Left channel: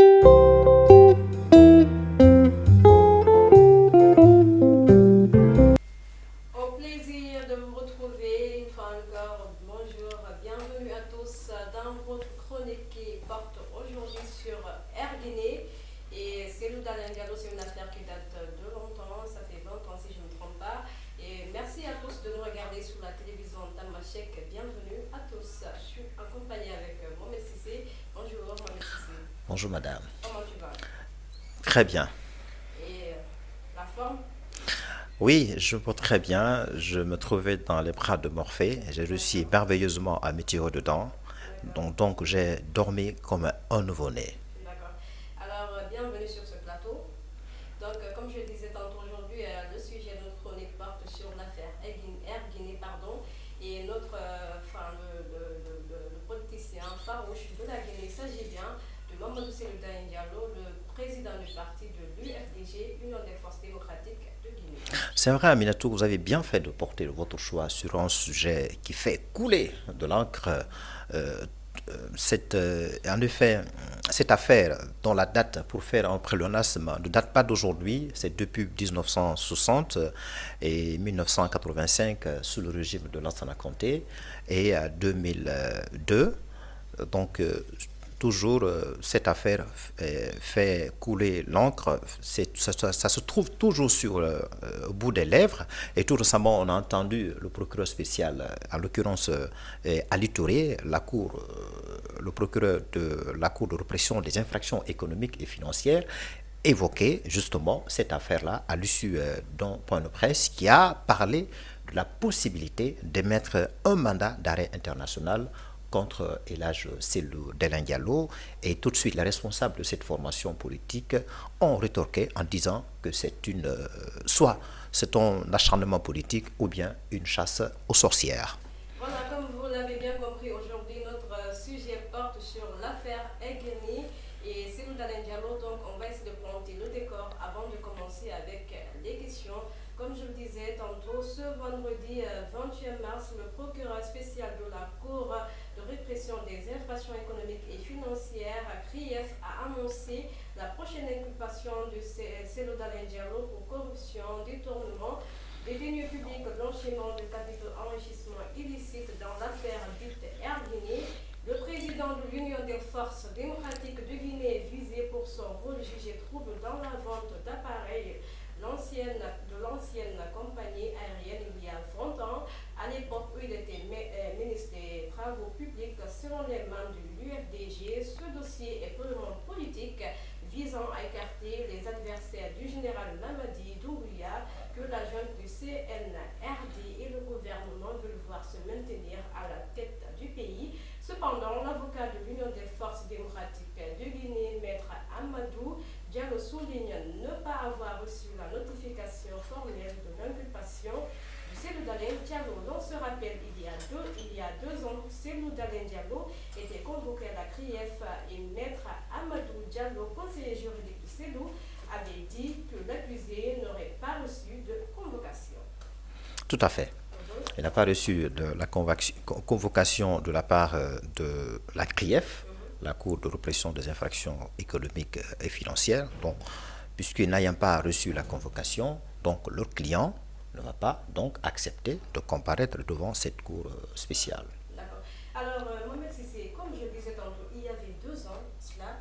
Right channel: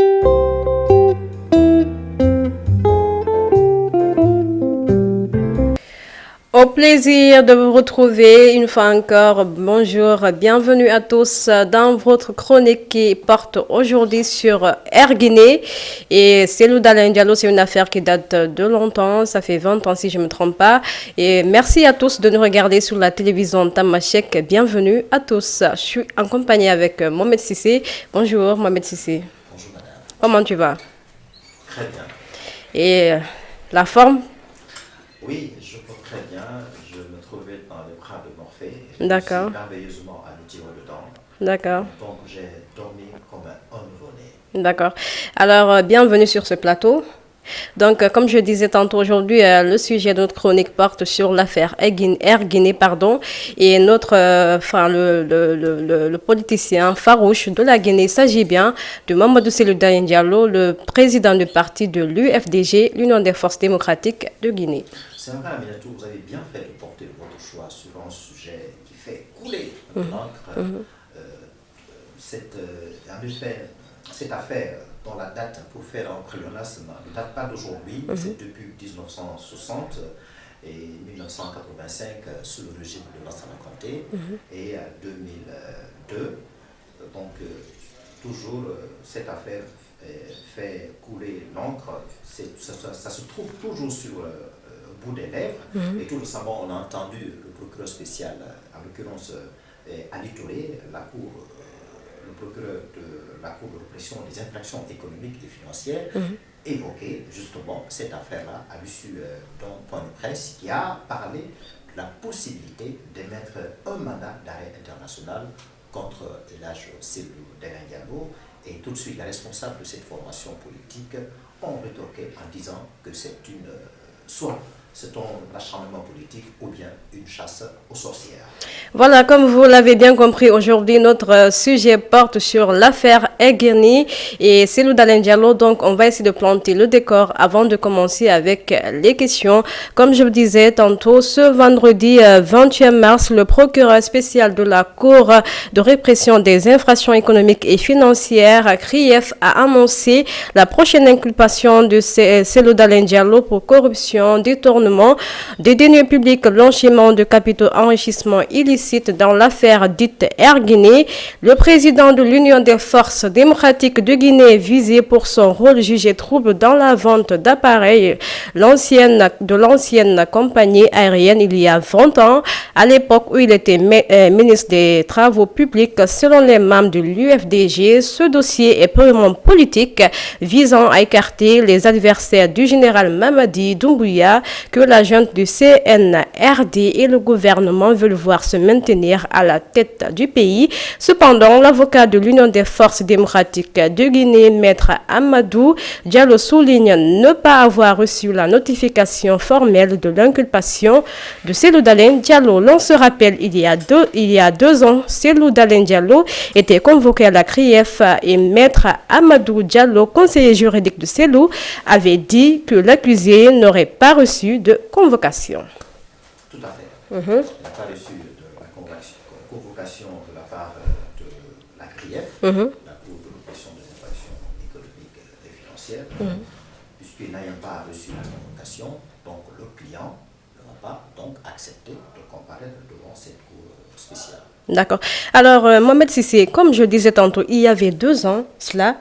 Au plaisir de vous retrouver une fois encore. Bonjour, bienvenue à tous dans votre chronique qui porte aujourd'hui sur Air Guinée. Et Cellou Dalein Diallo, c'est une affaire qui date de longtemps, ça fait 20 ans si je ne me trompe pas. Et merci à tous de nous regarder sur la télévision Tamashek. Bienvenue à tous. Je suis en compagnie avec Mohamed Sissé. Bonjour Mohamed Sissé. Bonjour madame. Comment tu vas? Très bien. Et la forme? Oui, je vais très bien. Je me trouvais dans les bras de Morphée. J'ai réussi merveilleusement à me tirer dedans. D'accord. Donc j'ai dormi comme un nouveau-né. D'accord. Alors, bienvenue sur ce plateau. Donc, comme je disais tantôt aujourd'hui, le sujet de notre chronique porte sur l'affaire Air Guinée, et le politicien farouche de la Guinée, il s'agit bien de Mamadou Cellou Dalein Diallo, le président du parti de l'UFDG, l'Union des forces démocratiques de Guinée. C'est vrai, Aminatou, vous avez bien fait de porter votre choix sur un sujet qui fait couler de l'encre. En effet, cette affaire dont la date pour faire un pléonasme ne date pas d'aujourd'hui, c'est depuis 1960 et 1985 sous le régime de Lansana Conté et 2002. Donc toujours cette affaire fait couler l'encre, ça se trouve toujours au bout des lèvres. Et tout récemment on a entendu le procureur spécial, en l'occurrence Ali Touré, le procureur de la Cour de répression des infractions économiques et financières, évoquer justement cette affaire-là à l'issue d'un point de presse qui a parlé de la possibilité d'émettre un mandat d'arrêt international contre El Hadj Cellou Dalein Diallo. Et tout de suite, les responsables de cette formation politique ont rétorqué en disant que soit c'est un acharnement politique ou bien une chasse aux sorcières. Voilà, comme vous l'avez bien compris, aujourd'hui, notre sujet porte sur l'affaire Air Guinée et Cellou Dalein Diallo. Donc, on va essayer de planter le décor avant de commencer avec les questions. Comme je le disais tantôt, ce vendredi 28 mars, le procureur spécial de la Cour de répression des infractions économiques et financières, CRIEF, a annoncé la prochaine inculpation de Cellou Dalein Diallo pour corruption, détournement des deniers publics, blanchiment de capitaux, enrichissement illicite dans l'affaire dite Air Guinée. Le président de l'Union des forces démocratiques de Guinée est visé pour son rôle jugé trouble dans la vente d'appareils de l'ancienne compagnie aérienne il y a 20 ans, à l'époque où il était ministre des Travaux publics. Selon les membres de l'UFDG, ce dossier est purement politique, visant à écarter les adversaires du général Mamadi Doumbouya, que la junte du CNRD et le gouvernement veulent voir se maintenir à la tête du pays. Cependant, l'avocat de l'Union des forces démocratiques de Guinée, Maître Amadou Diallo, souligne ne pas avoir reçu la notification formelle de l'inculpation de Cellou Dalein Diallo. L'on se rappelle, il y a deux ans, Cellou Dalein Diallo était convoqué à la CRIEF et Maître Amadou Diallo, conseiller juridique de Cellou, avait dit que l'accusé n'aurait pas reçu de convocation. Tout à fait. Il n'a pas reçu de la convocation de la part de la CRIEF, la Cour de répression des infractions économiques et financières, puisqu'il n'ayant pas reçu la convocation, donc leur client ne va pas donc accepter de comparaître devant cette Cour spéciale. D'accord. Alors, Mohamed Sissé, comme je disais tantôt, il y avait 2 ans, cela,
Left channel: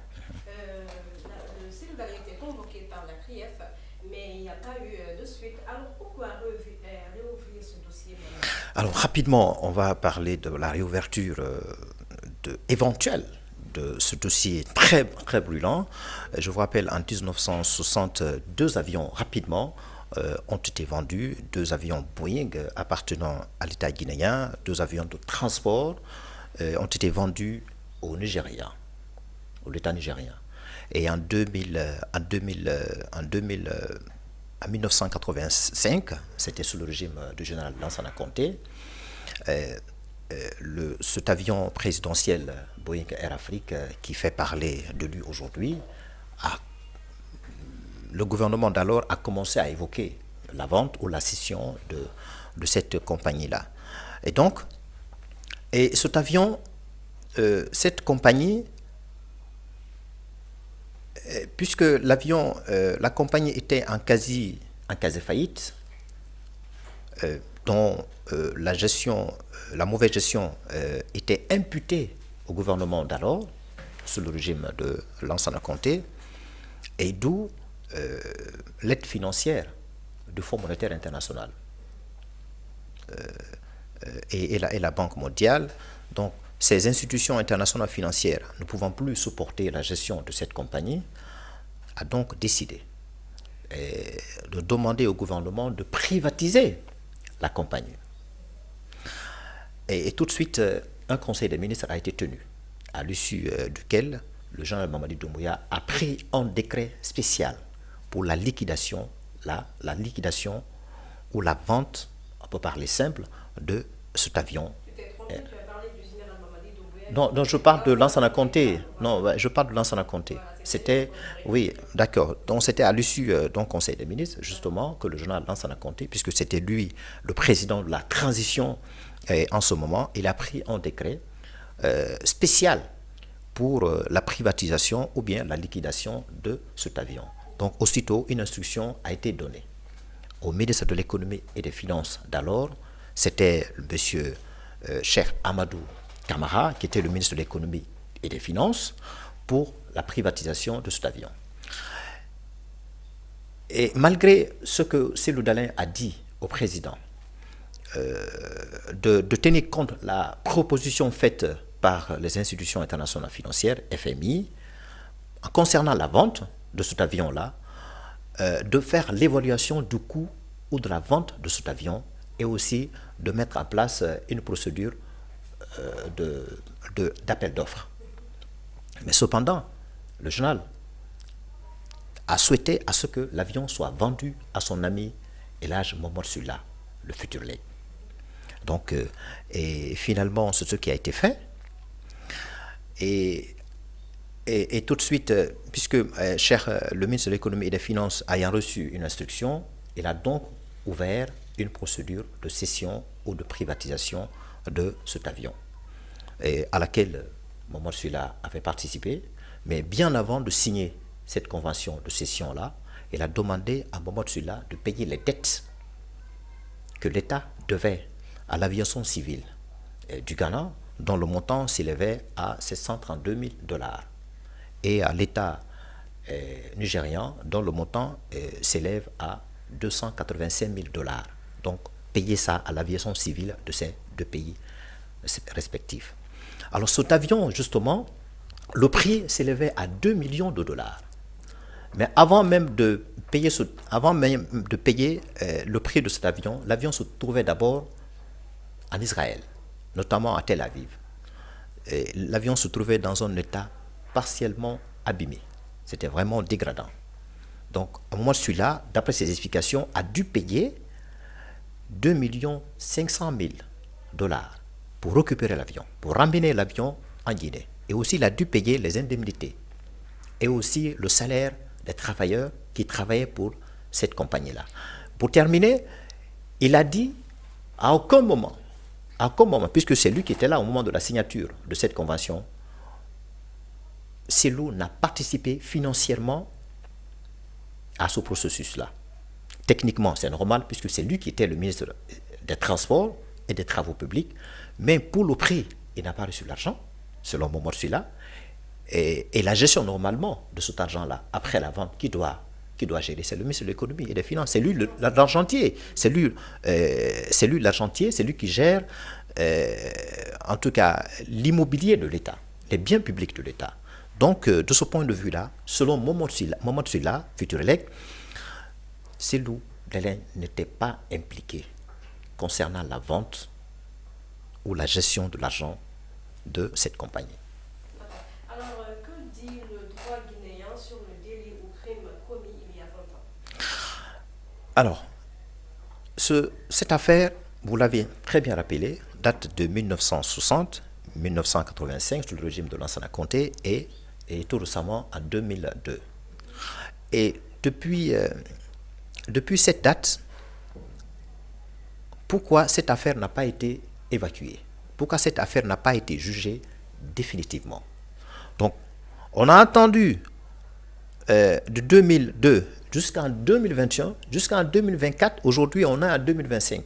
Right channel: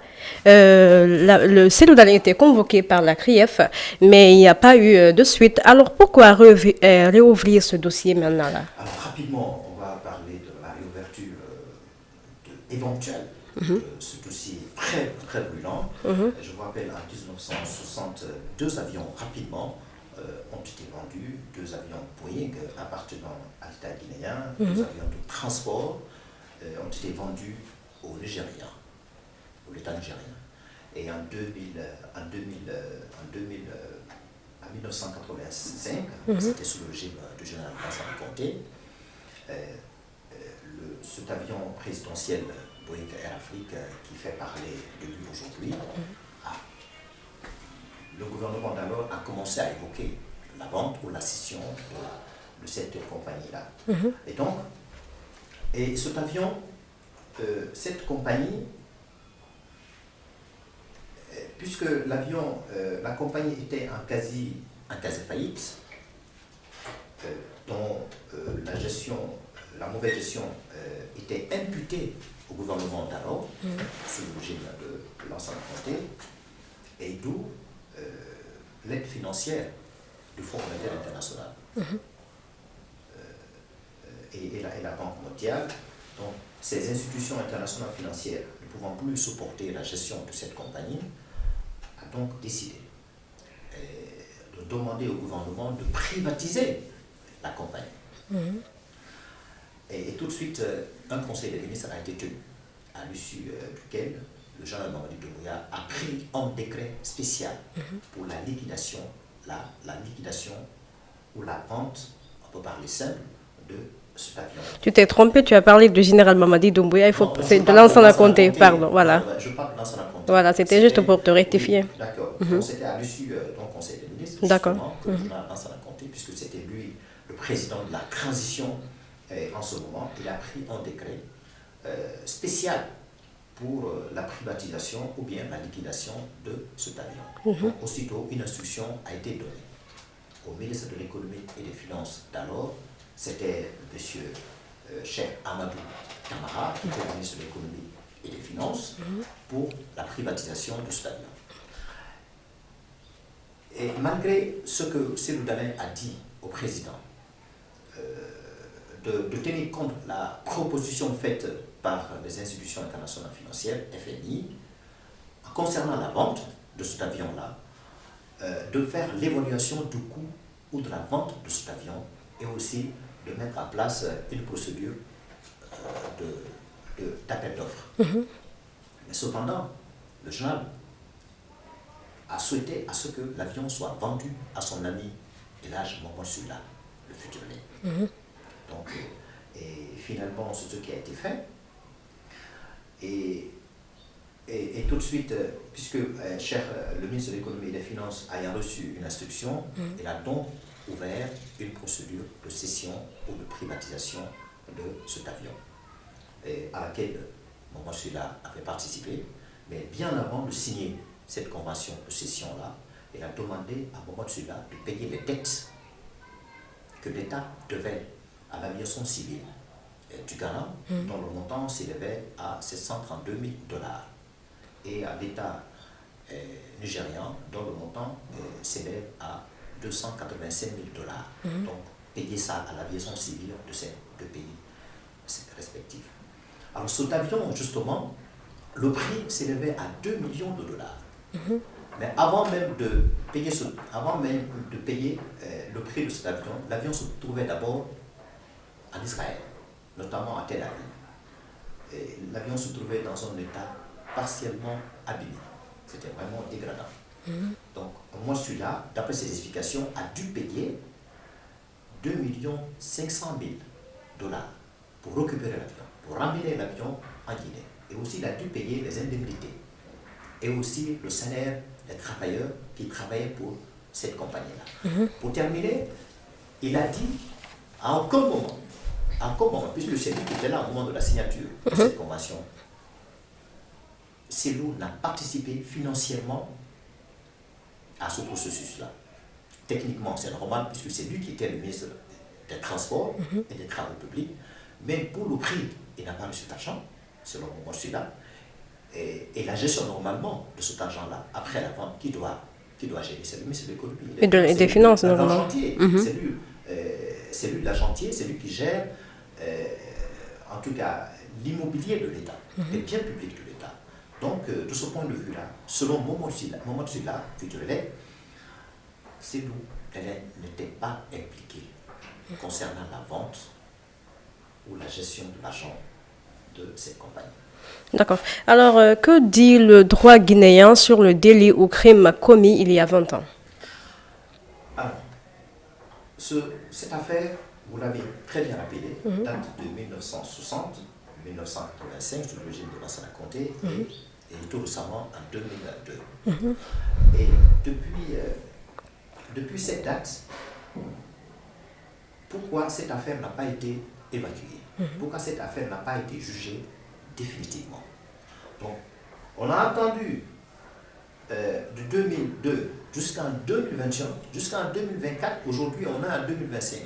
le Cellou Dalein était convoqué par la CRIEF, mais il n'y a pas eu de suite. Alors, pourquoi réouvrir ce dossier maintenant là? Alors, rapidement, on va parler de la réouverture éventuelle de ce dossier très, très brûlant. Je vous rappelle, en 1960, 2 avions, rapidement, ont été vendus, 2 avions Boeing appartenant à l'État guinéen, 2 avions de transport ont été vendus au Nigeria, au l'État nigérien. Et en 1985, c'était sous le régime du général Lansana Conté, cet avion présidentiel Boeing Air Afrique qui fait parler de lui aujourd'hui, le gouvernement d'alors a commencé à évoquer la vente ou la scission de cette compagnie-là. Et donc, cet avion, cette compagnie puisque l'avion, la compagnie était en quasi faillite, dont la mauvaise gestion était imputée au gouvernement d'alors, sous le régime de Lansana Conté, et d'où l'aide financière du Fonds monétaire international et la Banque mondiale. Donc, ces institutions internationales financières, ne pouvant plus supporter la gestion de cette compagnie, a donc décidé de demander au gouvernement de privatiser la compagnie. Et tout de suite, un conseil des ministres a été tenu, à l'issue duquel le général Mamadi Doumbouya a pris un décret spécial pour la liquidation ou la vente, on peut parler simple, de cet avion. Tu t'es trompé, tu as parlé du général Mamadi Doumbouya, c'est de Lansana Conté, pardon. Voilà. Non, je parle de Lansana Conté. Voilà, c'était juste pour te rectifier. Oui, d'accord. Donc c'était à l'issue du Conseil des ministres, justement, que le général Lansana Conté, puisque c'était lui le président de la transition en ce moment, il a pris un décret spécial pour la privatisation ou bien la liquidation de cet avion. Donc aussitôt, une instruction a été donnée au ministre de l'économie et des finances d'alors. C'était le monsieur Cheikh Amadou Camara, qui était le ministre de l'économie et des finances, pour la privatisation de cet avion. Et malgré ce que Cellou Dalein a dit au président, de tenir compte de la proposition faite par les institutions internationales financières, FMI, concernant la vente de cet avion-là, de faire l'évaluation du coût ou de la vente de cet avion, et aussi de mettre en place une procédure d'appel d'offres. Mais cependant, le général a souhaité à ce que l'avion soit vendu à son ami Elhadj Mohamed Sulla, le futur legs. Donc, et finalement, c'est ce qui a été fait. Et tout de suite, puisque le ministre de l'économie et des finances ayant reçu une instruction, il a donc ouvert une procédure de cession ou de privatisation de cet avion, à laquelle Mohamed Sulla avait participé. Mais bien avant de signer cette convention de cession-là, il a demandé à Mohamed Sulla de payer les dettes que l'État devait à l'aviation civile du Ghana, dont le montant s'élevait à 732 000 $, et à l'État nigérian, dont le montant s'élève à 285 000 $. Donc, payer ça à l'aviation civile de ces deux pays respectifs. Alors, cet avion, justement, le prix s'élevait à 2 millions de dollars. Mais avant même de payer le prix de cet avion, l'avion se trouvait d'abord en Israël, notamment à Tel Aviv. L'avion se trouvait dans un état partiellement abîmé. C'était vraiment dégradant. Donc, moi, celui-là, d'après ses explications, a dû payer 2 500 000 $ pour récupérer l'avion, pour ramener l'avion en Guinée. Et aussi, il a dû payer les indemnités et aussi le salaire des travailleurs qui travaillaient pour cette compagnie-là. Pour terminer, il a dit à aucun moment, puisque c'est lui qui était là au moment de la signature de cette convention, Cellou n'a participé financièrement à ce processus-là. Techniquement, c'est normal, puisque c'est lui qui était le ministre des Transports et des Travaux publics, mais pour le prix, il n'a pas reçu l'argent, selon Mohamed Sulla, et la gestion normalement de cet argent-là, après la vente, qui doit gérer, c'est le ministre de l'économie et des finances, c'est lui l'argentier, c'est lui l'argentier, c'est lui qui gère en tout cas l'immobilier de l'État, les biens publics de l'État. Donc de ce point de vue-là, selon Mohamed Sulla, futur legs, Cellou Dalein n'était pas impliqué concernant la vente ou la gestion de l'argent de cette compagnie. D'accord. Alors, que dit le droit guinéen sur le délit ou crime commis il y a 20 ans? Alors, cette affaire, vous l'avez très bien rappelé, date de 1960-1985, sous le régime de Lansana Conté, et tout récemment en 2002. Et depuis cette date, pourquoi cette affaire n'a pas été évacuée? Pourquoi cette affaire n'a pas été jugée définitivement? Donc, on a attendu de 2002 jusqu'en 2021, jusqu'en 2024, aujourd'hui on est en 2025.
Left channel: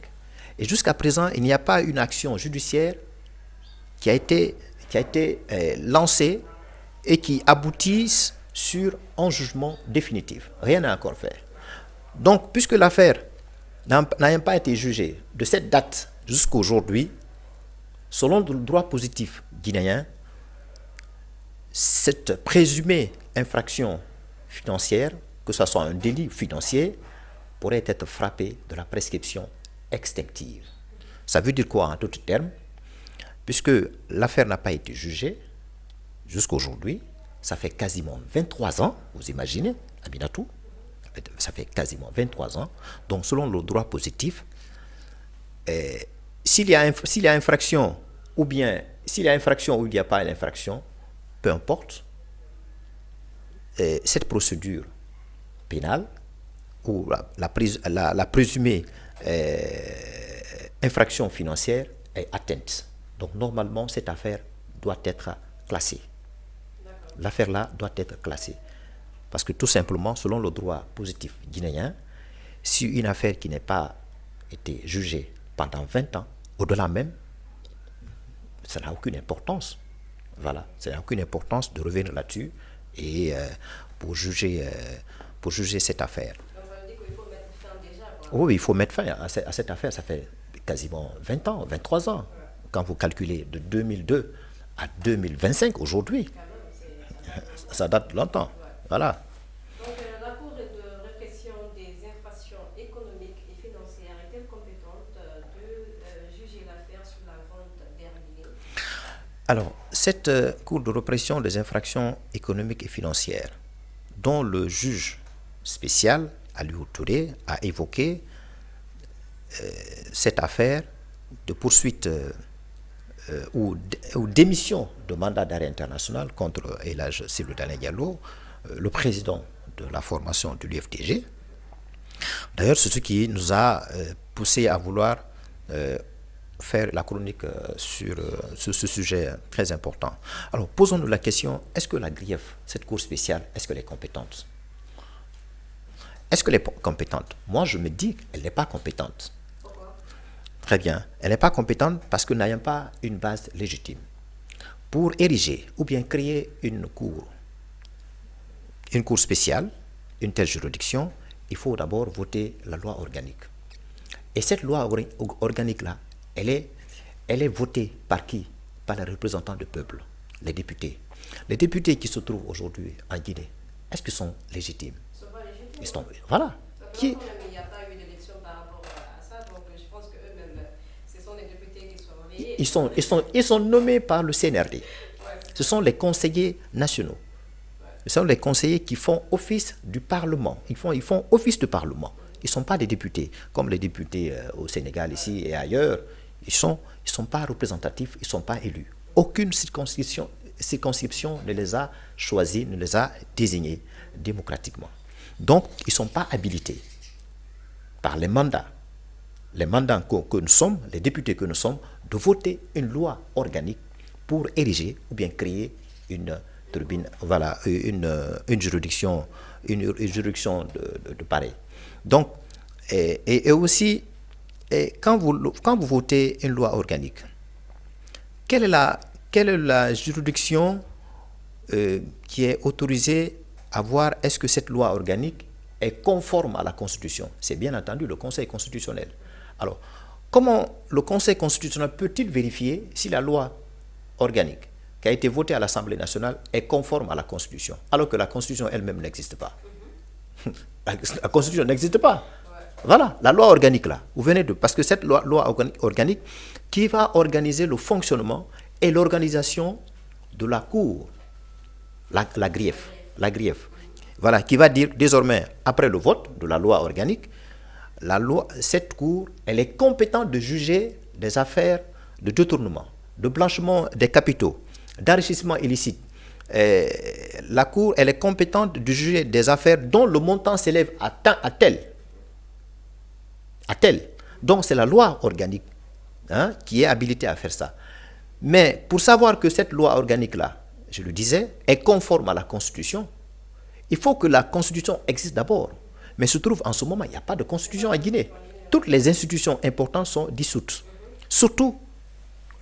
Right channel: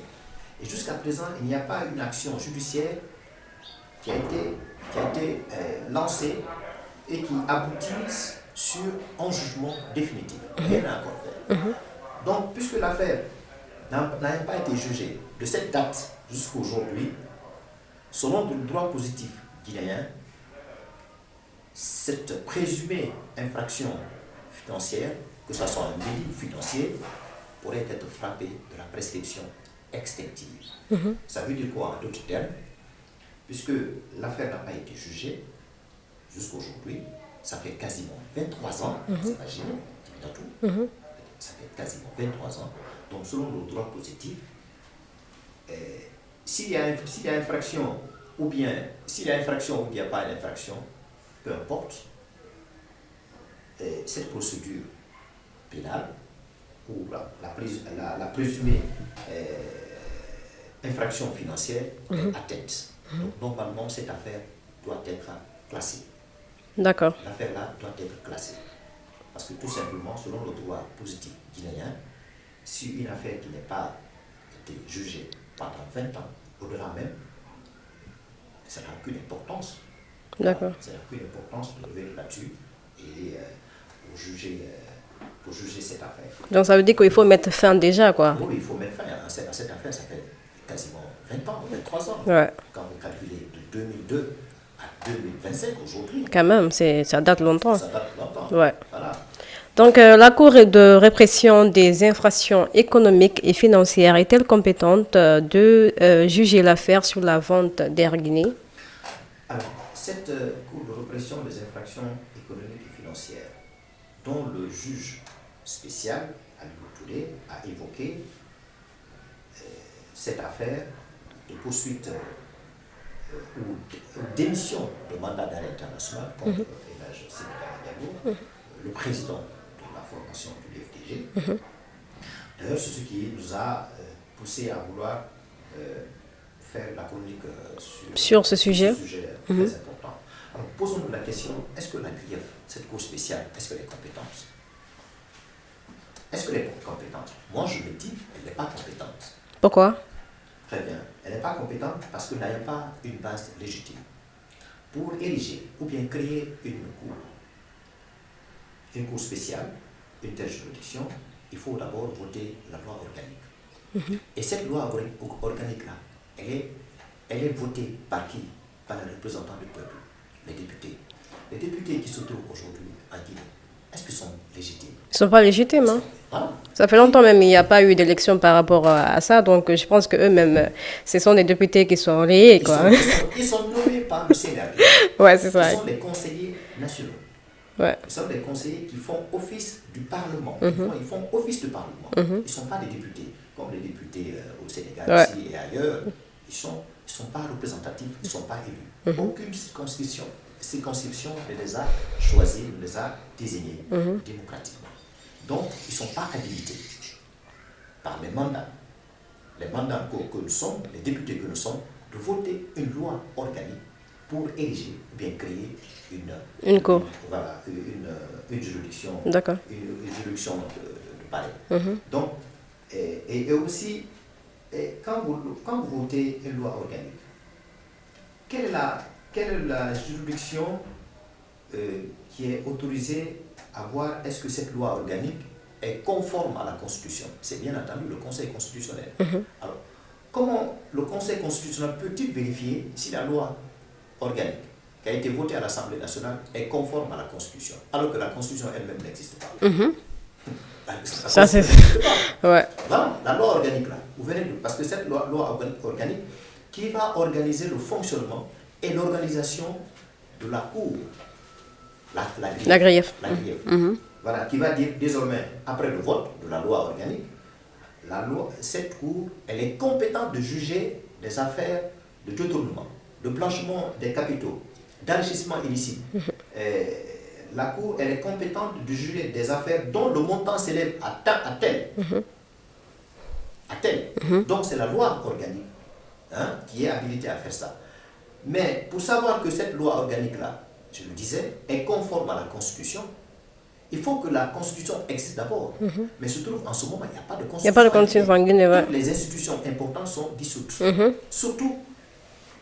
Et jusqu'à présent, il n'y a pas une action judiciaire qui a été lancée et qui aboutisse sur un jugement définitif. Rien n'a encore fait. Donc, puisque l'affaire n'a pas été jugée de cette date jusqu'à aujourd'hui, selon le droit positif guinéen, cette présumée infraction financière, que ce soit un délit financier, pourrait être frappée de la prescription extinctive. Ça veut dire quoi en d'autres termes? Puisque l'affaire n'a pas été jugée jusqu'à aujourd'hui, ça fait quasiment 23 ans, vous imaginez, Aminatou, ça fait quasiment 23 ans. Donc, selon le droit positif, s'il y a infraction, ou bien s'il y a infraction ou il n'y a pas d'infraction, peu importe, cette procédure pénale ou la présumée infraction financière est atteinte. Donc, normalement, cette affaire doit être classée. D'accord. L'affaire-là doit être classée. Parce que tout simplement, selon le droit positif guinéen, si une affaire qui n'a pas été jugée pendant 20 ans, au-delà même, ça n'a aucune importance. Voilà. D'accord. Ça n'a aucune importance de revenir là-dessus et pour juger cette affaire. Donc ça veut dire qu'il faut mettre fin déjà, quoi. Oui, il faut mettre fin à cette affaire. Ça fait quasiment 20 ans, 23 ans. Ouais. Quand vous calculez de 2002 à 2025 aujourd'hui. Quand même, ça date longtemps. Ça date longtemps. Ouais. Voilà. Donc la Cour de répression des infractions économiques et financières est-elle compétente de juger l'affaire sur la vente d'Air Guinée? Alors, cette Cour de répression des infractions économiques et financières, dont le juge spécial, Aliou Touré, a évoqué cette affaire de poursuite ou d'émission de mandat d'arrêt international contre El Hadj Cellou Dalein Diallo, le président de la formation de l'UFDG. D'ailleurs, c'est ce qui nous a poussé à vouloir faire la chronique sur ce sujet très important. Alors, posons-nous la question, est-ce que la GRIEF, cette cour spéciale, est-ce qu'elle est compétente? Est-ce qu'elle est compétente? Moi, je me dis qu'elle n'est pas compétente. Pourquoi? Très bien. Elle n'est pas compétente parce que n'ayant pas une base légitime. Pour ériger ou bien créer une cour spéciale, une telle juridiction, il faut d'abord voter la loi organique. Et cette loi organique-là, elle est votée par qui? Par les représentants du peuple, les députés. Les députés qui se trouvent aujourd'hui en Guinée, est-ce qu'ils sont légitimes? Ils ne sont pas légitimes. Hein? Voilà. Ça fait longtemps même, il n'y a pas eu d'élection par rapport à ça. Donc, je pense qu'eux-mêmes, ce sont des députés qui sont rayés. Ils sont nommés par le CNRD. Ouais, c'est ça. Ce sont les conseillers nationaux. Ouais. Ce sont les conseillers qui font office du Parlement. Ils font office de Parlement. Ils ne sont pas des députés, comme les députés au Sénégal, ici et ailleurs. Ils sont pas représentatifs, ils ne sont pas élus. Aucune circonscription ne les a choisis, ne les a désignés démocratiquement. Donc, ils ne sont pas habilités par les mandats que nous sommes, les députés que nous sommes, de voter une loi organique pour ériger ou bien créer une juridiction, une juridiction de pareil. Donc, et aussi, quand vous votez une loi organique, quelle est la juridiction qui est autorisée à voir est-ce que cette loi organique est conforme à la Constitution? C'est bien entendu le Conseil constitutionnel. Alors, comment le Conseil constitutionnel peut-il vérifier si la loi organique qui a été votée à l'Assemblée nationale est conforme à la Constitution, alors que la Constitution elle-même n'existe pas? La Constitution n'existe pas. Ouais. Voilà, la loi organique là, vous venez de... Parce que cette loi organique qui va organiser le fonctionnement et l'organisation de la Cour, la GRIEF. Voilà, qui va dire désormais, après le vote de la loi organique, cette Cour, elle est compétente de juger des affaires de détournement, de blanchiment des capitaux, d'enrichissement illicite. La Cour, elle est compétente de juger des affaires dont le montant s'élève à tel. Donc, c'est la loi organique qui est habilitée à faire ça. Mais pour savoir que cette loi organique-là, je le disais, est conforme à la Constitution, Il faut que la constitution existe d'abord. Mais se trouve, en ce moment, il n'y a pas de Il n'y a constitution pas de en Guinée. constitution en Guinée, ouais. Toutes les institutions importantes sont dissoutes. Surtout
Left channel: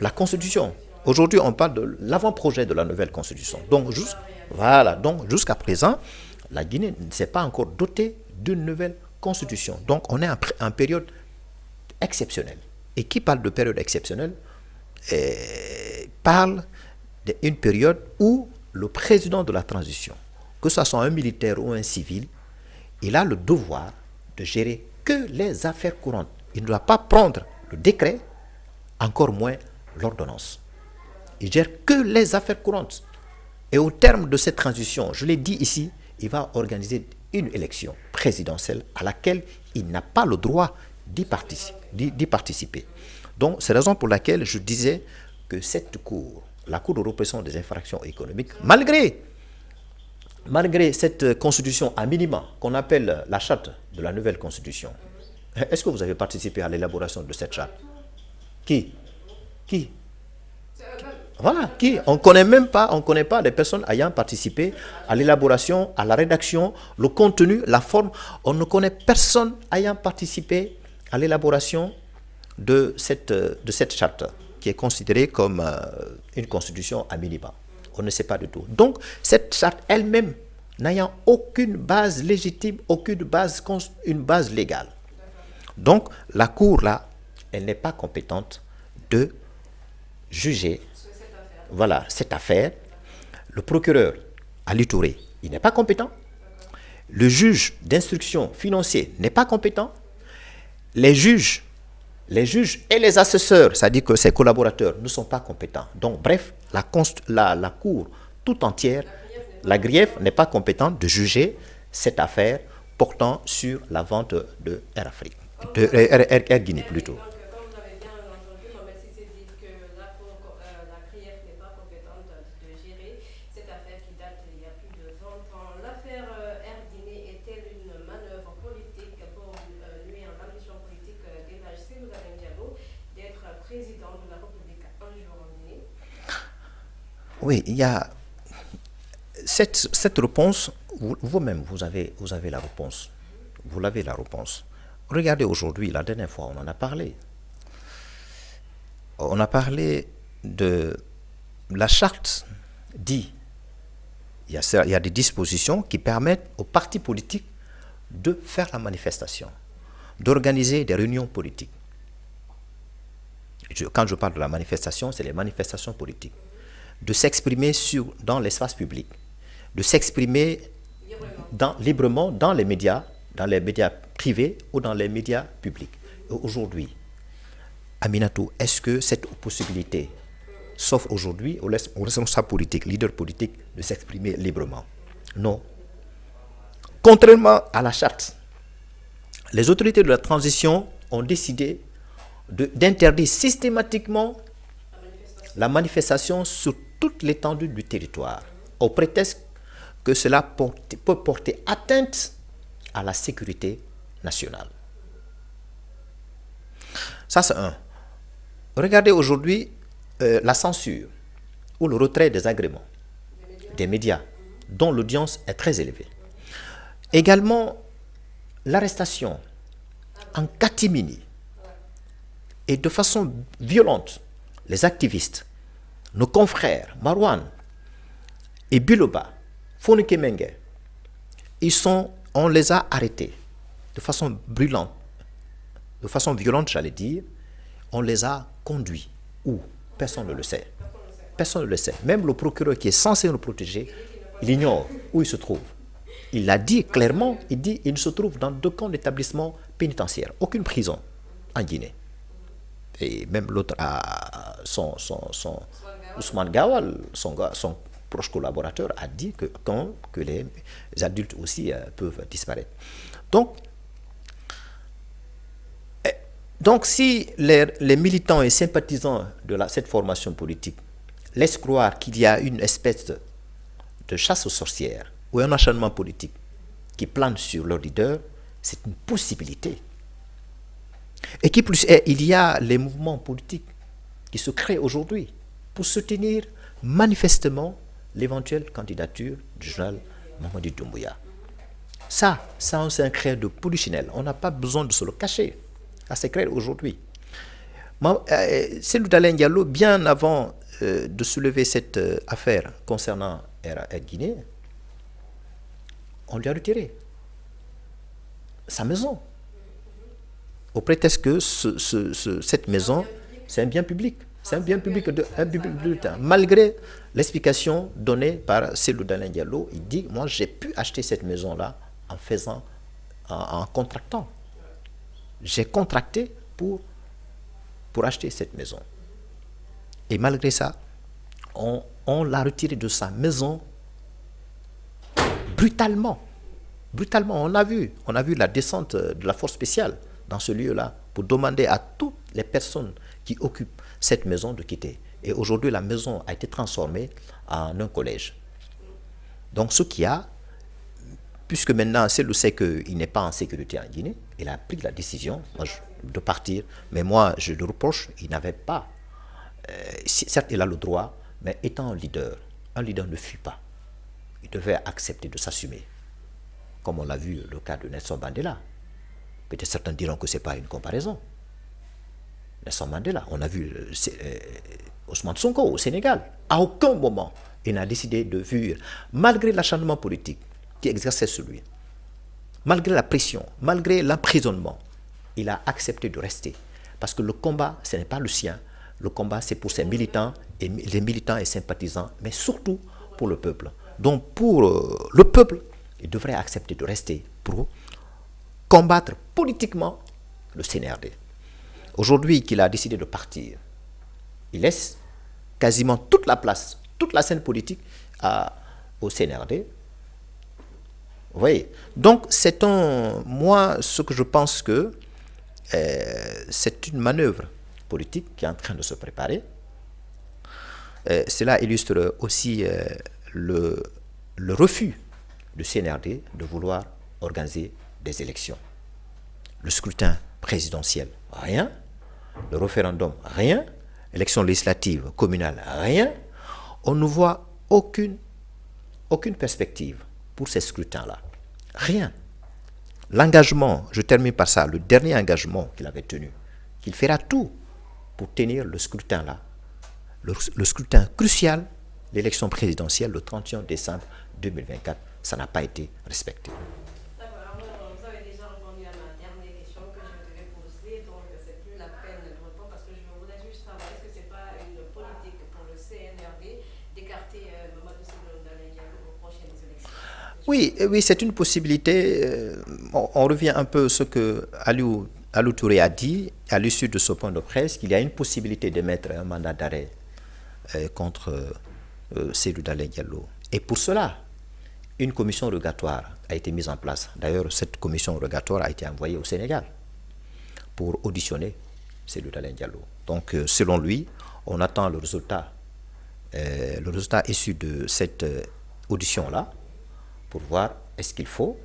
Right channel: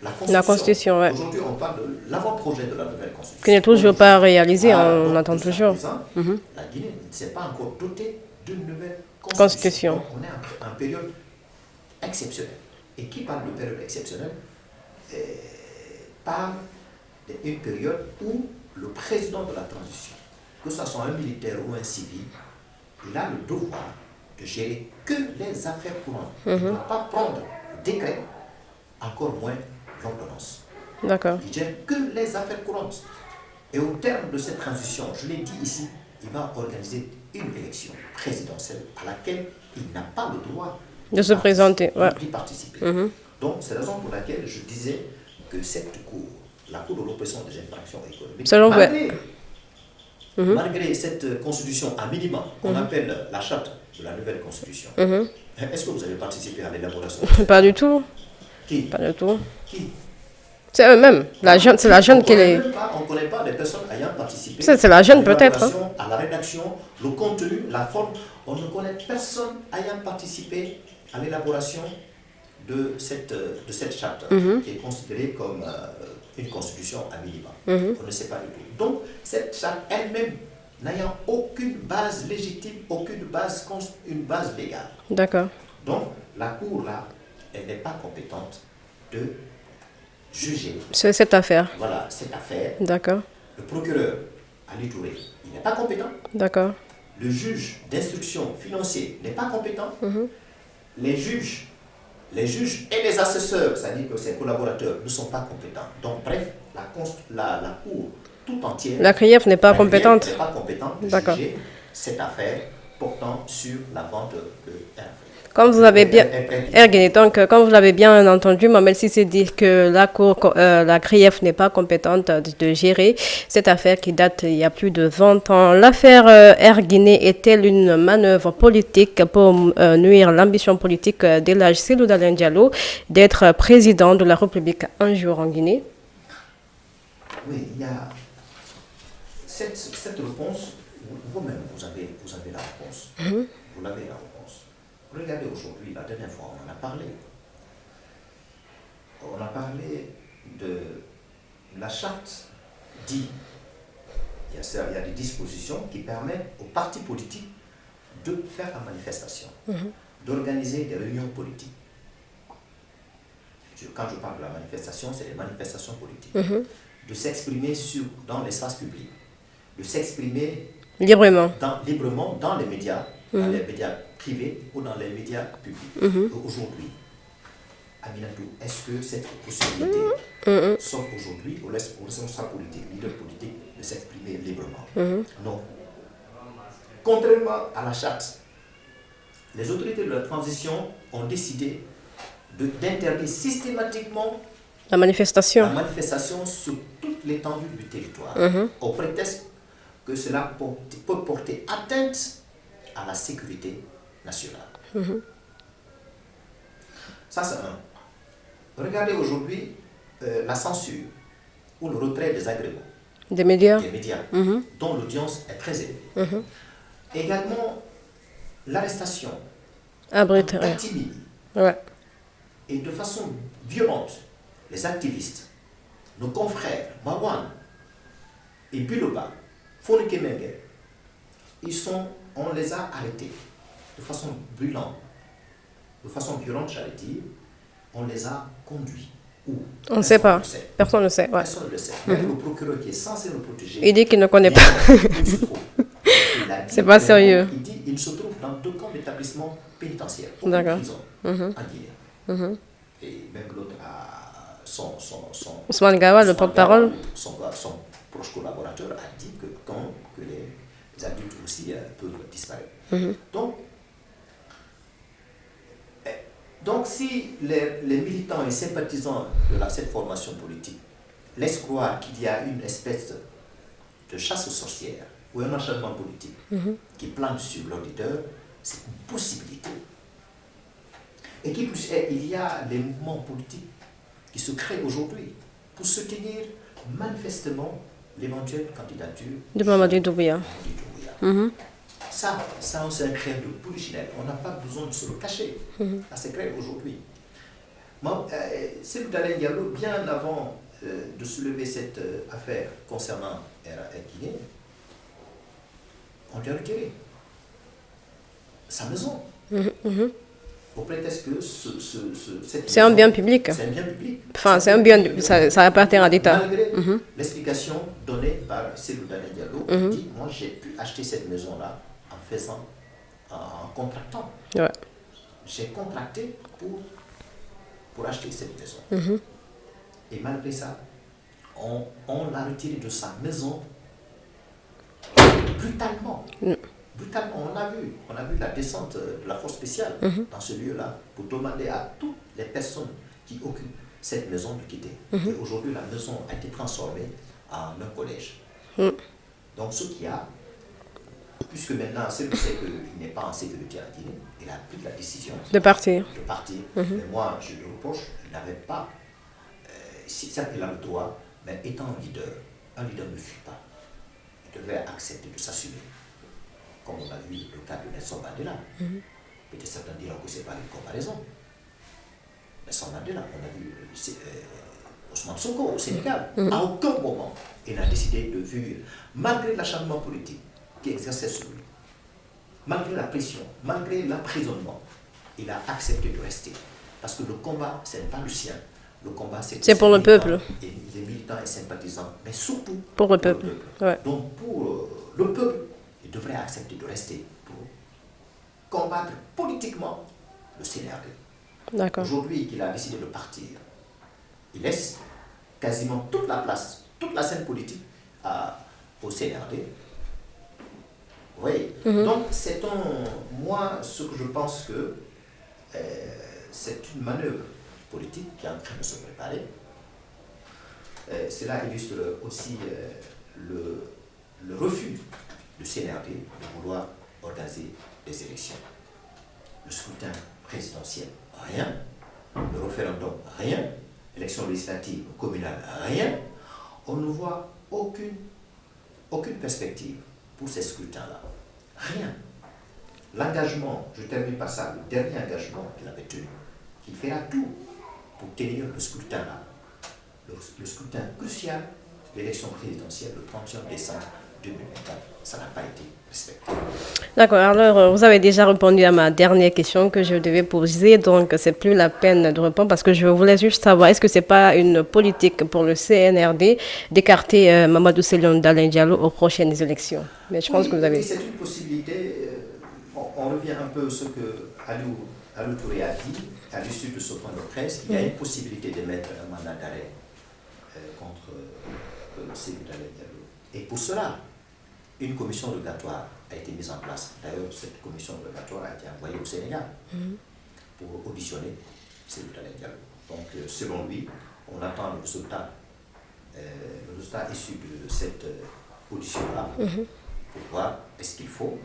la constitution. Constitution, ouais. Aujourd'hui, on parle de l'avant-projet de la nouvelle constitution. Qui n'est toujours Donc, pas réalisé, voilà, on donc, attend jusqu'à toujours. présent, la Guinée ne s'est pas encore dotée d'une nouvelle constitution. Donc, on est en période exceptionnelle. Et qui parle de période exceptionnelle parle d'une période où le président de la transition, que ce soit un militaire ou un civil, il a le devoir de gérer que les affaires courantes. Il ne doit pas prendre le décret, encore moins l'ordonnance. D'accord. Il gère que les affaires courantes. Et au terme de cette transition, je l'ai dit ici, il va organiser une élection présidentielle à laquelle il n'a pas le droit de se présenter, d'y participer. Donc, c'est la raison pour laquelle je disais que cette cour, la Cour de répression des infractions économiques, malgré cette constitution à minima qu'on appelle la charte de la nouvelle constitution, est-ce que vous avez participé à l'élaboration de cette Pas du tout. Qui Pas du tout. Qui C'est eux-mêmes. Voilà, C'est la jeune on ne connaît pas des personnes ayant participé c'est la jeune à l'élaboration, à la rédaction, le contenu, la forme. On ne connaît personne ayant participé à l'élaboration de cette charte qui est considérée comme une constitution à minima. On ne sait pas du tout. Donc, cette charte elle-même n'ayant aucune base légitime, une base légale. D'accord. Donc, la Cour, là, elle n'est pas compétente de juger. C'est cette affaire. Voilà, cette affaire. D'accord. Le procureur, Ali Touré, il n'est pas compétent. D'accord. Le juge d'instruction financier n'est pas compétent. Les juges et les assesseurs, c'est-à-dire que ses collaborateurs, ne sont pas compétents. Donc, bref, la Cour tout entière, la CRIEF n'est pas compétente. n'est pas compétente de juger cette affaire portant sur la vente de Air Afrique. Comme vous l'avez bien, Air Guinée. Donc, comme vous l'avez bien entendu, Mamel Cissé dit que la CRIEF n'est pas compétente de gérer cette affaire qui date il y a plus de 20 ans. L'affaire Air Guinée est-elle une manœuvre politique pour nuire l'ambition politique d'Elhadji Cellou Dalein Diallo d'être président de la République un jour en Guinée? Oui, il y a cette réponse. Vous-même, vous avez la réponse. Vous l'avez la réponse. Regardez aujourd'hui, la dernière fois, on en a parlé. On a parlé de la charte dit. Il y a des dispositions qui permettent aux partis politiques de faire la manifestation, d'organiser des réunions politiques. Quand je parle de la manifestation, c'est les manifestations politiques. De s'exprimer dans l'espace public, de s'exprimer librement dans les médias, dans les médias privés ou dans les médias publics. Aujourd'hui, Aminatou, est-ce que cette possibilité, sauf aujourd'hui, on laisse aux responsables politiques, leaders politiques, de s'exprimer librement? Non. Contrairement à la charte, les autorités de la transition ont décidé d'interdire systématiquement la manifestation sur toute l'étendue du territoire, au prétexte que cela peut porter atteinte à la sécurité nationale. Ça, c'est un. Regardez aujourd'hui la censure ou le retrait des agréments des médias, dont l'audience est très élevée. Également, l'arrestation en catimini et de façon violente, les activistes, nos confrères, Marwan et Biloba, Fonike Mengue, on les a arrêtés de façon brûlante, de façon violente, j'allais dire. On les a conduits. Où? On ne sait pas. Personne ne le sait. Personne ne le sait. Même le procureur qui est censé nous protéger, il dit qu'il ne connaît pas. Où il se trouve. Il a dit pas sérieux. Il dit qu'il se trouve dans deux camps d'établissement pénitentiaire, aucune prison en Guinée. Et même l'autre a Ousmane Gawa, le porte-parole. Son proche collaborateur a dit que les adultes aussi peuvent disparaître. Donc, si les militants et sympathisants de cette formation politique laissent croire qu'il y a une espèce de chasse aux sorcières ou un acharnement politique qui plane sur leur leader, c'est une possibilité. Et qui plus est, il y a les mouvements politiques qui se créent aujourd'hui pour soutenir manifestement l'éventuelle candidature de Mamadi Doumbouya. Ça, c'est un créer de polichinelle. On n'a pas besoin de se le cacher. Ça, c'est clair aujourd'hui. Cellou Dalein Diallo, bien avant de soulever cette affaire concernant Air Guinée, on lui a retiré sa maison. Au prétexte que cette maison... C'est un bien public. C'est un bien public. Enfin, c'est un bien... Ça appartient à l'État. Malgré l'explication donnée par Cellou Dalein Diallo, il dit, moi, j'ai pu acheter cette maison-là en contractant. Ouais. J'ai contracté pour acheter cette maison. Et malgré ça, on l'a retiré de sa maison brutalement. Brutalement, on a vu la descente de la force spéciale dans ce lieu-là pour demander à toutes les personnes qui occupent cette maison de quitter. Et aujourd'hui, la maison a été transformée en un collège. Donc, ce qui a, puisque maintenant, c'est le sait qu'il n'est pas en sécurité en Guinée, il a pris la décision de partir. Mais moi, je le reproche, il n'avait pas, certes, il a le droit, mais étant un leader ne fuit pas. Il devait accepter de s'assumer. Comme on l'a vu le cas de Nelson Mandela. Peut-être certains diront que ce n'est pas une comparaison. Nelson Mandela, on a vu Ousmane Sonko au Sénégal. À aucun moment, il n'a décidé de fuir, malgré l'acharnement politique qui exerçait sur lui, malgré la pression, malgré l'emprisonnement, il a accepté de rester. Parce que le combat, ce n'est pas le sien. Le combat, c'est pour le peuple. Et les militants et sympathisants, mais surtout pour le peuple. Ouais. Donc, pour le peuple, il devrait accepter de rester pour combattre politiquement le CNRD. Aujourd'hui qu'il a décidé de partir, il laisse quasiment toute la place, toute la scène politique au CNRD. Vous voyez. Donc, moi, ce que je pense que c'est une manœuvre politique qui est en train de se préparer. Cela illustre aussi le refus du CNRD de vouloir organiser des élections. Le scrutin présidentiel, rien. Le référendum, rien. Élection législative, communale, rien. On ne voit aucune perspective pour ces scrutins-là. Rien. L'engagement, je termine par ça, le dernier engagement qu'il avait tenu, qu'il fera tout pour tenir le scrutin-là. Le scrutin crucial, l'élection présidentielle le 31 décembre 2024. Ça n'a pas été respecté. D'accord, alors vous avez déjà répondu à ma dernière question que je devais poser, donc c'est plus la peine de répondre parce que je voulais juste savoir, est-ce que c'est pas une politique pour le CNRD d'écarter Mamadou Cellou Dalein Diallo aux prochaines élections? Mais je pense que oui, c'est une possibilité. On revient un peu à ce que Aliou Touré a dit à l'issue de ce point de presse, qu'il y a une possibilité de mettre un mandat d'arrêt contre Cellou Dalein Diallo. Et pour cela, une commission rogatoire a été mise en place. D'ailleurs, cette commission rogatoire a été envoyée au Sénégal pour auditionner Cellou Dalein Diallo. Donc, selon lui, on attend le résultat issu de cette audition-là pour voir est-ce qu'il faut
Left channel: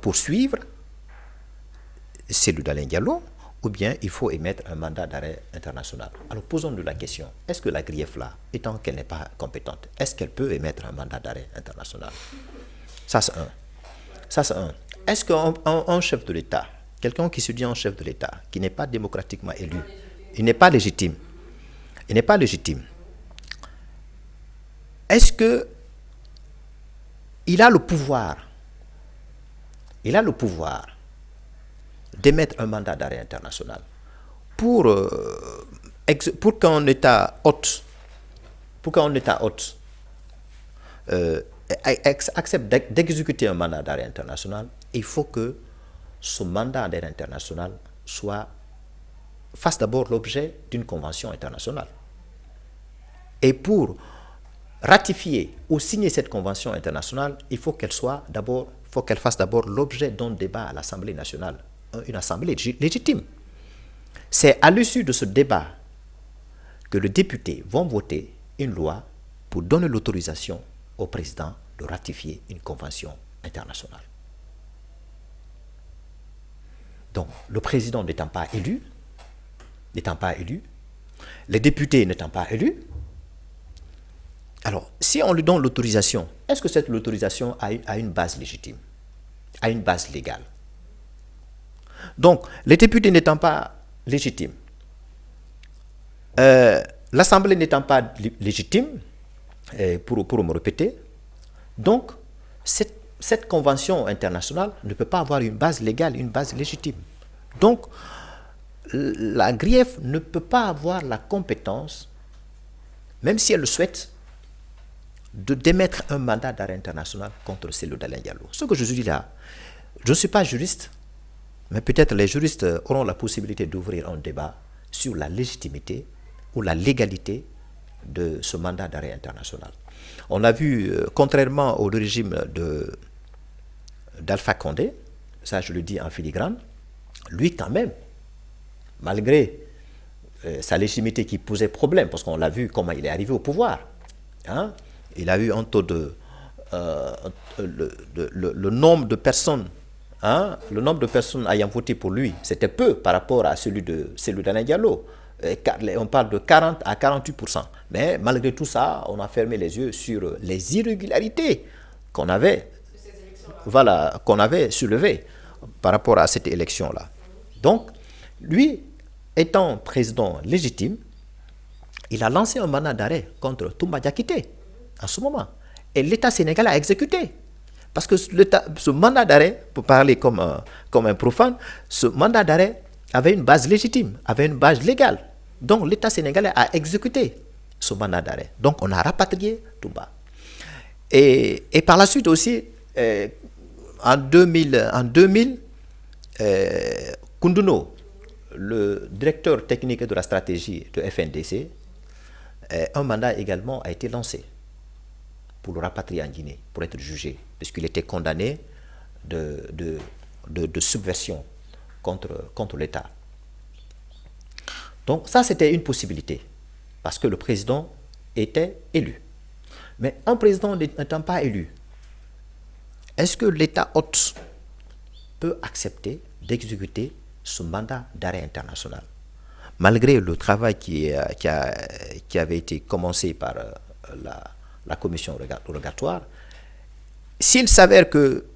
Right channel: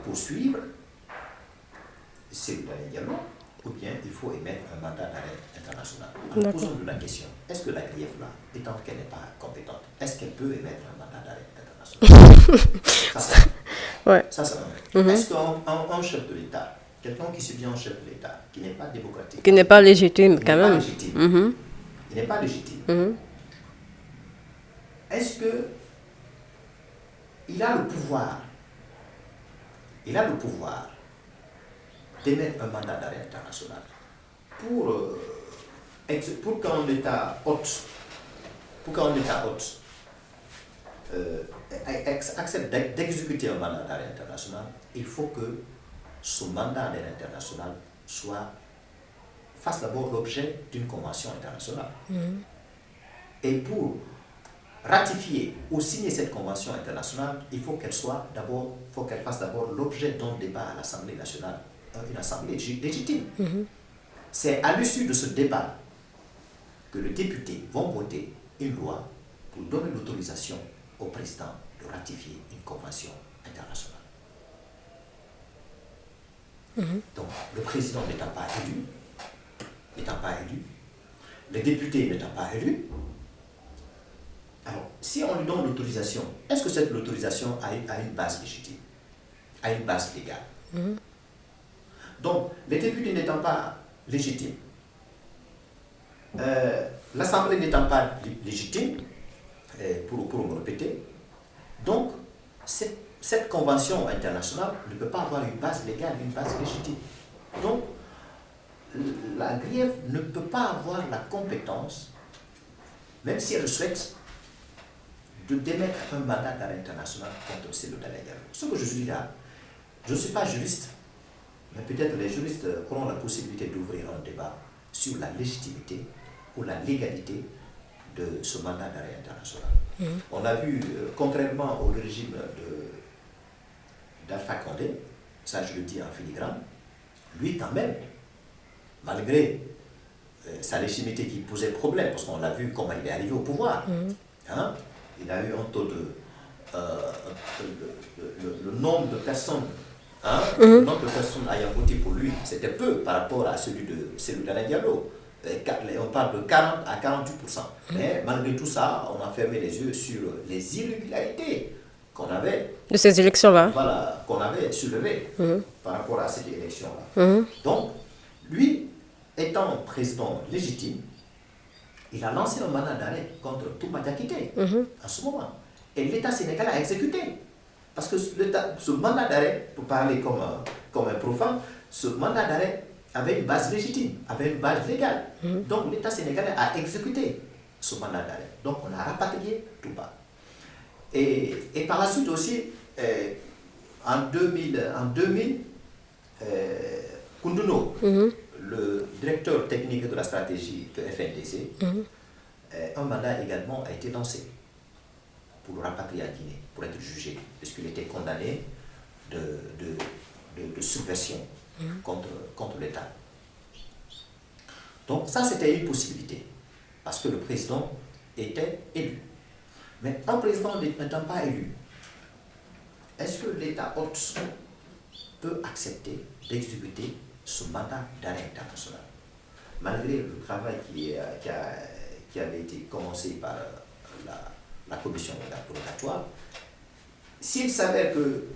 poursuivre Cellou Dalein Diallo ou bien il faut émettre un mandat d'arrêt international. Alors, posons-nous la question, est-ce que la grief là, étant qu'elle n'est pas compétente, est-ce qu'elle peut émettre un mandat d'arrêt international? Ça, c'est un. Est-ce qu'un chef de l'État, quelqu'un qui se dit un chef de l'État, qui n'est pas démocratiquement... Qui n'est pas légitime. Il n'est pas légitime. Il n'est pas légitime. Est-ce que il a le pouvoir d'émettre un mandat d'arrêt international pour qu'un État hôte accepte d'exécuter un mandat d'arrêt international? Il faut que ce mandat d'arrêt international fasse d'abord l'objet d'une convention internationale. Et pour ratifier ou signer cette convention internationale, il faut qu'elle fasse d'abord l'objet d'un débat à l'Assemblée nationale, une assemblée légitime. C'est à l'issue de ce débat que les députés vont voter une loi pour donner l'autorisation au président de ratifier une convention internationale. Donc, le président n'étant pas élu, les députés n'étant pas élus, Alors, si on lui donne l'autorisation, est-ce que cette autorisation a une base légitime, a une base légale? Donc, les députés n'étant pas légitimes, l'Assemblée n'étant pas légitime, pour me répéter, donc cette convention internationale ne peut pas avoir une base légale, une base légitime. Donc, la GRIEF ne peut pas avoir la compétence, même si elle le souhaite, de démettre un mandat d'arrêt international contre Cellou Dalein Diallo. Ce que je dis là, je ne suis pas juriste, mais peut-être les juristes auront la possibilité d'ouvrir un débat sur la légitimité ou la légalité de ce mandat d'arrêt international. On a vu, contrairement au régime d'Alpha Condé, ça je le dis en filigrane, lui quand même, malgré sa légitimité qui posait problème, parce qu'on l'a vu comment il est arrivé au pouvoir, hein, il a eu un taux de... le nombre de personnes, le nombre de personnes ayant voté pour lui, c'était peu par rapport à celui de Cellou Dalein Diallo. On parle de 40 à 48%. Mais malgré tout ça, on a fermé les yeux sur les irrégularités qu'on avait. De ces élections-là. Voilà, qu'on avait soulevées par rapport à cette élection-là. Donc, lui, étant président légitime, il a lancé un mandat d'arrêt contre Toumba Diakité en ce moment. Et l'État sénégalais a exécuté. Parce que ce mandat d'arrêt, pour parler comme un profane, ce mandat d'arrêt avait une base légitime, avait une base légale. Donc l'État sénégalais a exécuté ce mandat d'arrêt. Donc on a rapatrié Toumba. Et par la suite aussi, en 2000 Koundouno, le directeur technique de la stratégie de FNDC, un mandat également a été lancé pour le rapatrier en Guinée, pour être jugé, puisqu'il était condamné de subversion contre l'État. Donc ça, c'était une possibilité, parce que le président était élu. Mais un président n'étant pas élu, est-ce que l'État hôte peut accepter d'exécuter ce mandat d'arrêt international, malgré le travail qui avait été commencé par la commission rogatoire? S'il s'avère que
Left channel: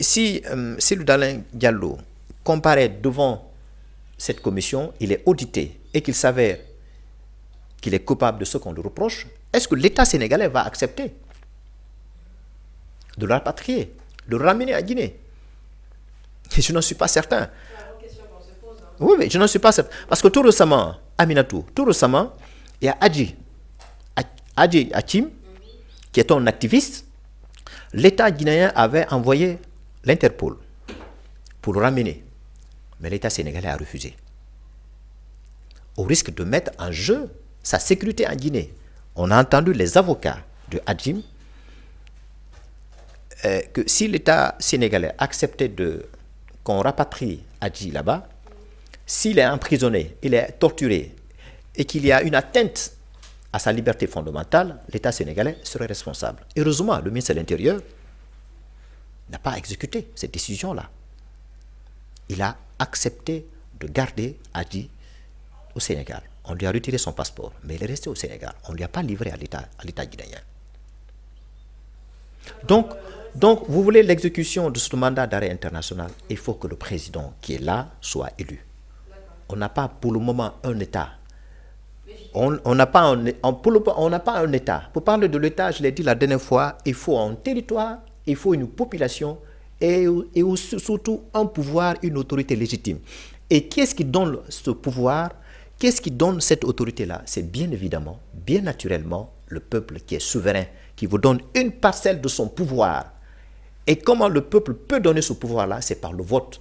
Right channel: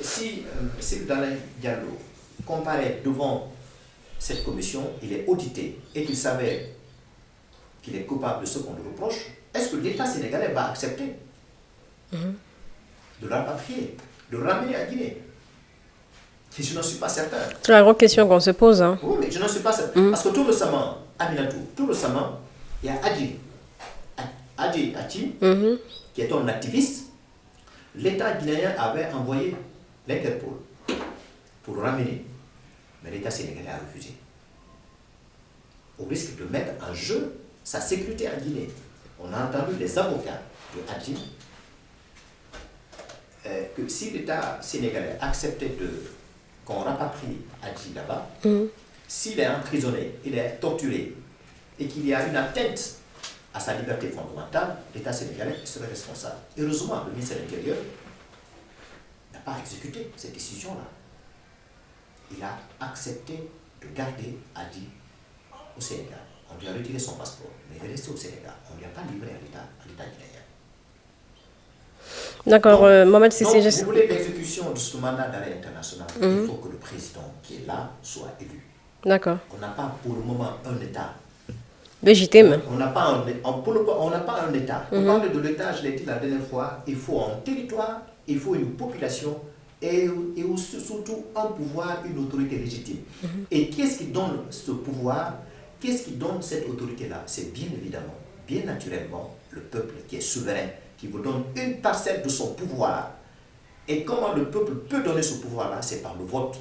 si Cellou Dalein Diallo comparaît devant cette commission, il est audité et qu'il s'avère qu'il est coupable de ce qu'on lui reproche, est-ce que l'État sénégalais va accepter de le rapatrier, de le ramener à Guinée? Je n'en suis pas certain. C'est la grande question qu'on se pose. Oui, mais je n'en suis pas certain. Parce que tout récemment, Aminatou, il y a Adji Hakim, qui est un activiste. L'État guinéen avait envoyé l'Interpol pour le ramener. Mais l'État sénégalais a refusé. Au risque de mettre en jeu sa sécurité en Guinée. On a entendu les avocats de Hakim que si l'État sénégalais acceptait qu'on rapatrie Adji là-bas, s'il est emprisonné, il est torturé et qu'il y a une atteinte à sa liberté fondamentale, l'État sénégalais serait responsable. Heureusement, le ministre de l'Intérieur n'a pas exécuté cette décision-là. Il a accepté de garder Adji au Sénégal. On lui a retiré son passeport, mais il est resté au Sénégal. On ne lui a pas livré à l'État guinéen. D'accord, Mohamed Cissé. Donc, vous voulez l'exécution de ce mandat d'arrêt international, il faut que le président qui est là soit élu. D'accord. On n'a pas pour le moment un État légitime. On n'a pas un État. Pour parler de l'État, je l'ai dit la dernière fois, il faut un territoire, il faut une population et surtout un pouvoir, une autorité légitime. Et qu'est-ce qui donne ce pouvoir? Qu'est-ce qui donne cette autorité-là? C'est bien évidemment, bien naturellement, le peuple qui est souverain, qui vous donne une parcelle de son pouvoir. Et comment le peuple peut donner ce pouvoir-là? C'est par le vote,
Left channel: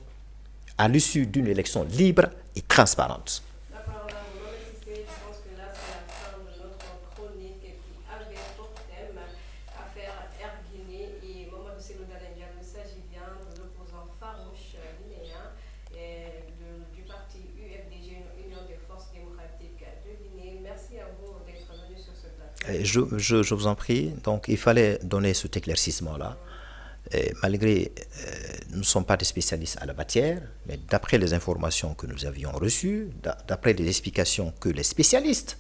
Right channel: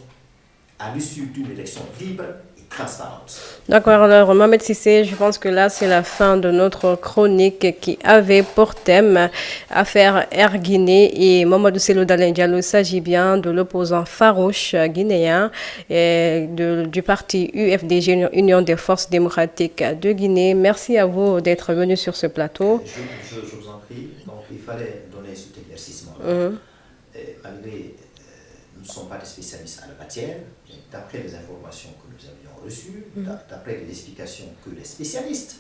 à l'issue d'une élection libre et transparente. D'accord, alors Mohamed Cissé, je pense que là c'est la fin de notre chronique qui avait pour thème affaire Air Guinée et Mamadou Cellou Dalein Diallo. Il s'agit bien de l'opposant farouche guinéen et du parti UFDG, Union des Forces Démocratiques de Guinée. Merci à vous d'être venu sur ce plateau. Je vous en prie. Donc il fallait donner cet éclaircissement-là. Et malgré... nous ne sommes pas des spécialistes à la matière, mais d'après les informations que nous avions reçues, d'après les explications que les spécialistes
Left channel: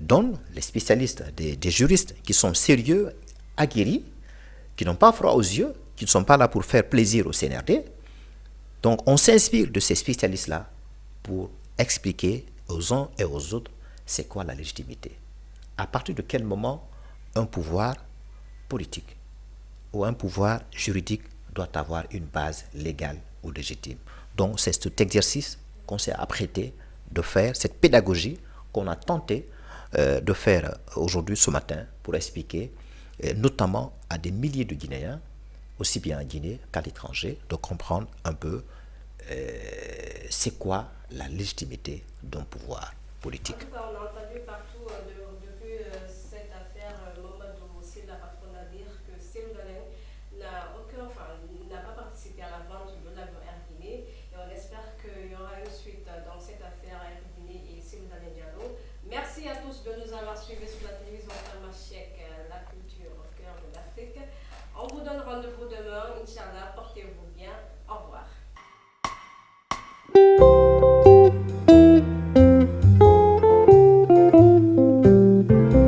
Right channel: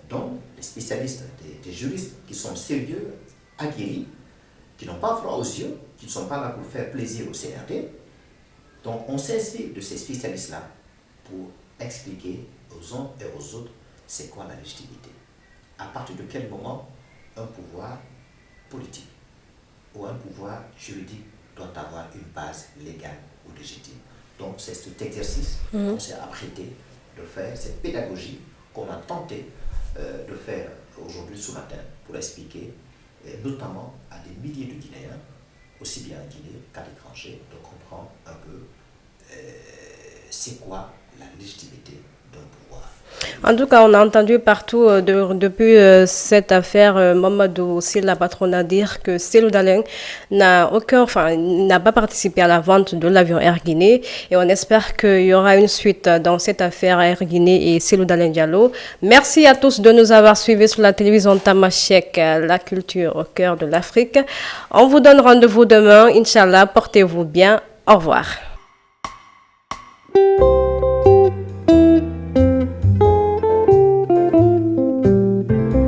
dont les spécialistes, des juristes qui sont sérieux, aguerris, qui n'ont pas froid aux yeux, qui ne sont pas là pour faire plaisir au CNRD. Donc on s'inspire de ces spécialistes-là pour expliquer aux uns et aux autres c'est quoi la légitimité. À partir de quel moment un pouvoir politique ou un pouvoir juridique doit avoir une base légale ou légitime. Donc c'est cet exercice qu'on s'est apprêté de faire, cette pédagogie qu'on a tenté de faire aujourd'hui, ce matin, pour expliquer, notamment à des milliers de Guinéens, aussi bien en Guinée qu'à l'étranger, de comprendre un peu c'est quoi la légitimité d'un pouvoir. En tout cas, on a entendu partout depuis cette affaire Mamadou Sylla Patrona dire que Cellou Dalein n'a pas participé à la vente de l'avion Air Guinée et on espère qu'il y aura une suite dans cette affaire Air Guinée et Cellou Dalein Diallo. Merci à tous de nous avoir suivis sur la télévision Tamashek, la culture au cœur de l'Afrique. On vous donne rendez-vous demain, Inch'Allah, portez-vous bien. Au revoir.